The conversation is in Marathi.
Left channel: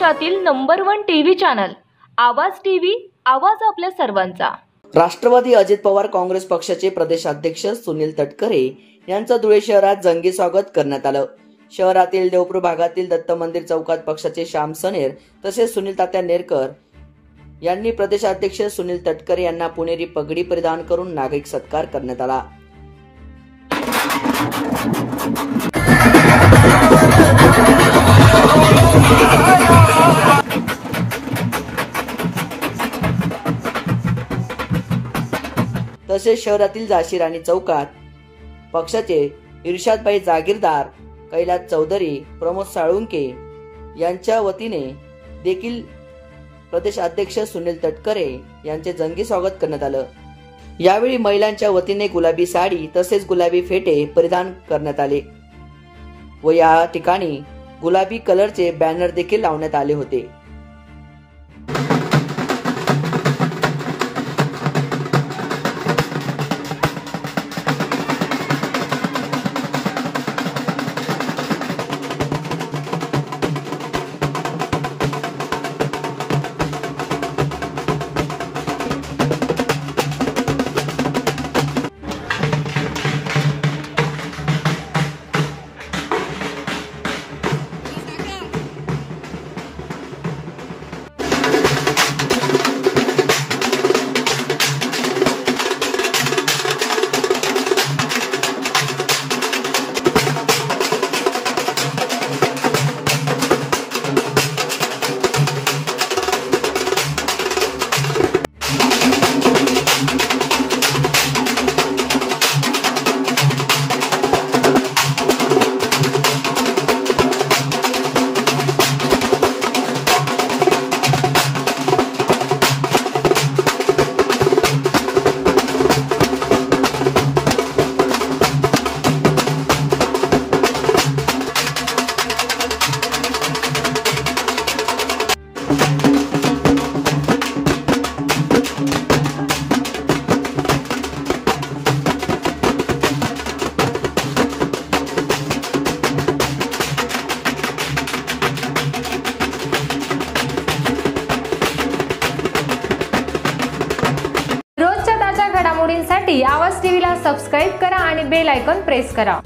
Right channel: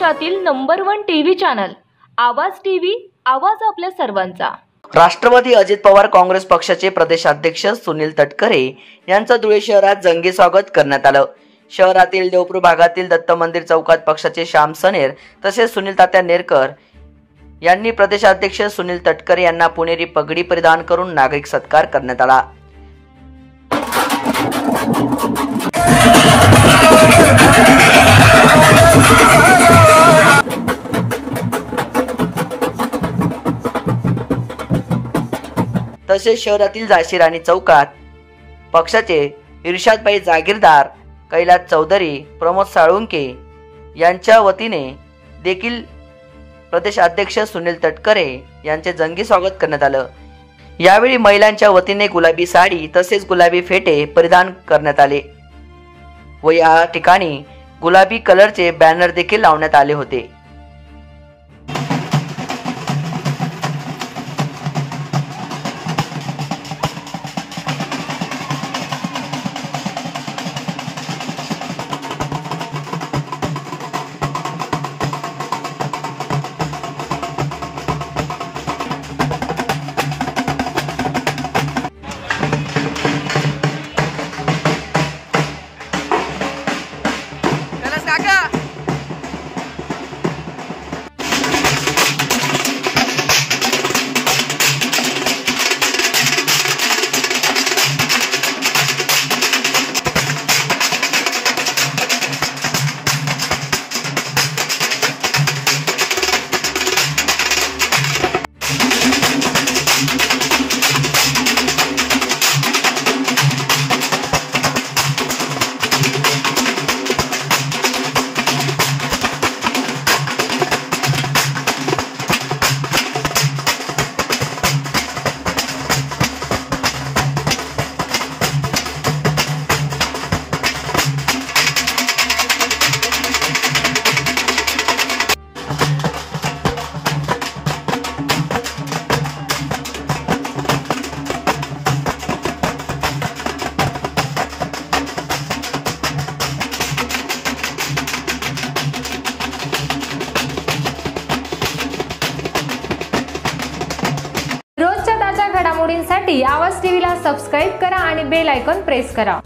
महाराष्ट्रातील नंबर 1 टीव्ही चॅनल आवाज टीव्ही, आवाज आपल्या सर्वांचा। राष्ट्रवादी अजित पवार काँग्रेस पक्षाचे प्रदेशाध्यक्ष सुनील तटकरे यांचं धुळे शहरात जंगी स्वागत करण्यात आलं। शहरातील देवपूर भागातील दत्त मंदिर चौकात पक्षाचे श्याम सनेर तसेच सुनील तात्या नेरकर यांनी प्रदेशाध्यक्ष सुनील तटकरे यांना पुणेरी पगडी परिधान करून नागरिक सत्कार करण्यात आला। तसेच शहरातील झाशी राणी चौकात पक्षाचे इर्शादभाई जागीरदार, कैलास चौधरी, प्रमोद साळुंके यांच्या वतीने देखील प्रदेशाध्यक्ष सुनील तटकरे यांचे जंगी स्वागत करण्यात आलं। यावेळी महिलांच्या वतीने गुलाबी साडी तसेच गुलाबी फेटे परिधान करण्यात आले व या ठिकाणी गुलाबी कलरचे बॅनर देखील लावण्यात आले होते। रोजच्या ताज्या घडामोडींसाठी आवाज टीव्हीला सबस्क्राइब करा आणि बेल आयकॉन प्रेस करा।